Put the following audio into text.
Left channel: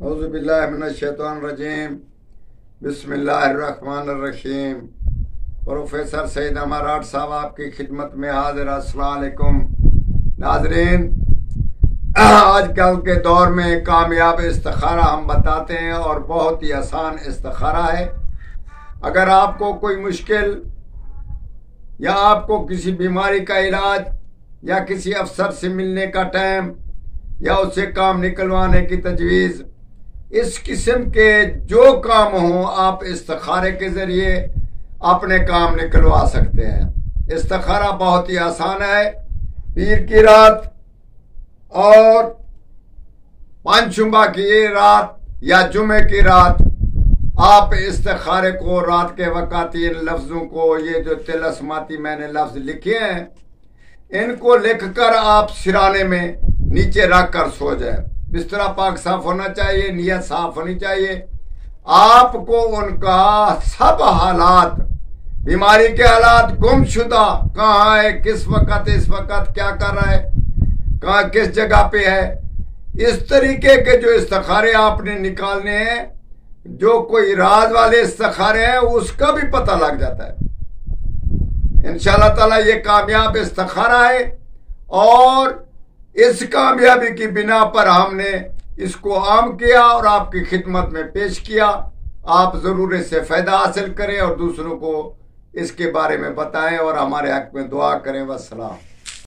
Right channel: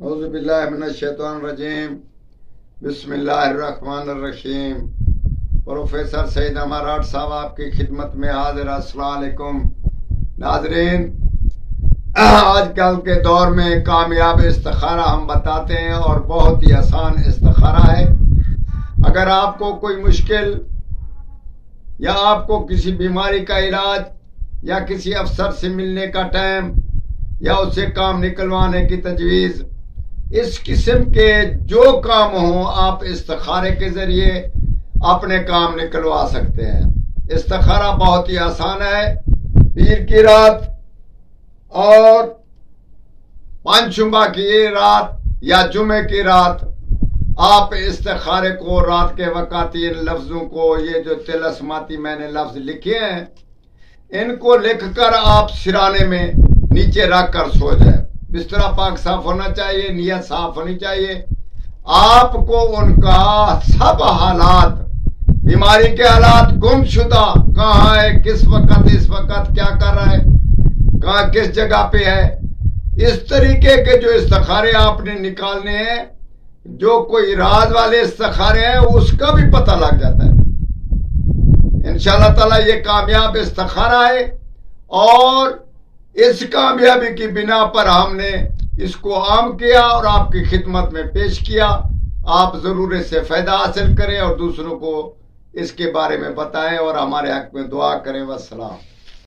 اعوذ باللہ من الشیطان الرجیم بسم اللہ الرحمن الرحیم۔ پروفیسر سعید اماراٹ صاحب آپ کی خدمت میں حاضر۔ السلام علیکم ناظرین، آج کل کے دور میں کامیاب استخارہ ہم بتاتے ہیں اور بہت ہی آسان استخارہ ہے۔ اگر آپ کو کوئی مشکل یا آپ کو کسی بیماری کا علاج یا کسی افسر سے ملنے کا ٹائم یا اس سے کام نکلوانے کی تجویز، اس قسم کے جو کام ہوں آپ استخارے کے ذریعے اپنے کام نکلوا سکتے ہیں۔ استخارہ بہت ہی آسان ہے۔ پیر کی رات اور پانچشنبہ کی رات یا جمعے کی رات آپ استخارے کو رات کے وقت ان لفظوں کو، یہ جو طلسماتی میں نے لفظ لکھے ہیں، ان کو لکھ کر آپ سرانے میں نیچے رکھ کر سو جائیں۔ بسترا پاک صاف ہونا چاہیے، نیت صاف ہونی چاہیے۔ آپ کو ان کا سب حالات، بیماری کے حالات، گم شدہ کہاں ہے، کس وقت، اس وقت کیا کر رہا ہے، کہاں کس جگہ پہ ہے، اس طریقے کے جو استخارے آپ نے نکالنے ہیں، جو کوئی راز والے استخارے ہیں، اس کا بھی پتہ لگ جاتا ہے۔ انشاءاللہ تعالی یہ کامیاب استخارہ ہے اور اس کامیابی کی بنا پر ہم نے اس کو عام کیا اور آپ کی خدمت میں پیش کیا۔ آپ ضرور اس سے فائدہ حاصل کریں اور دوسروں کو اس کے بارے میں بتائیں اور ہمارے حق میں دعا کریں۔ والسلام۔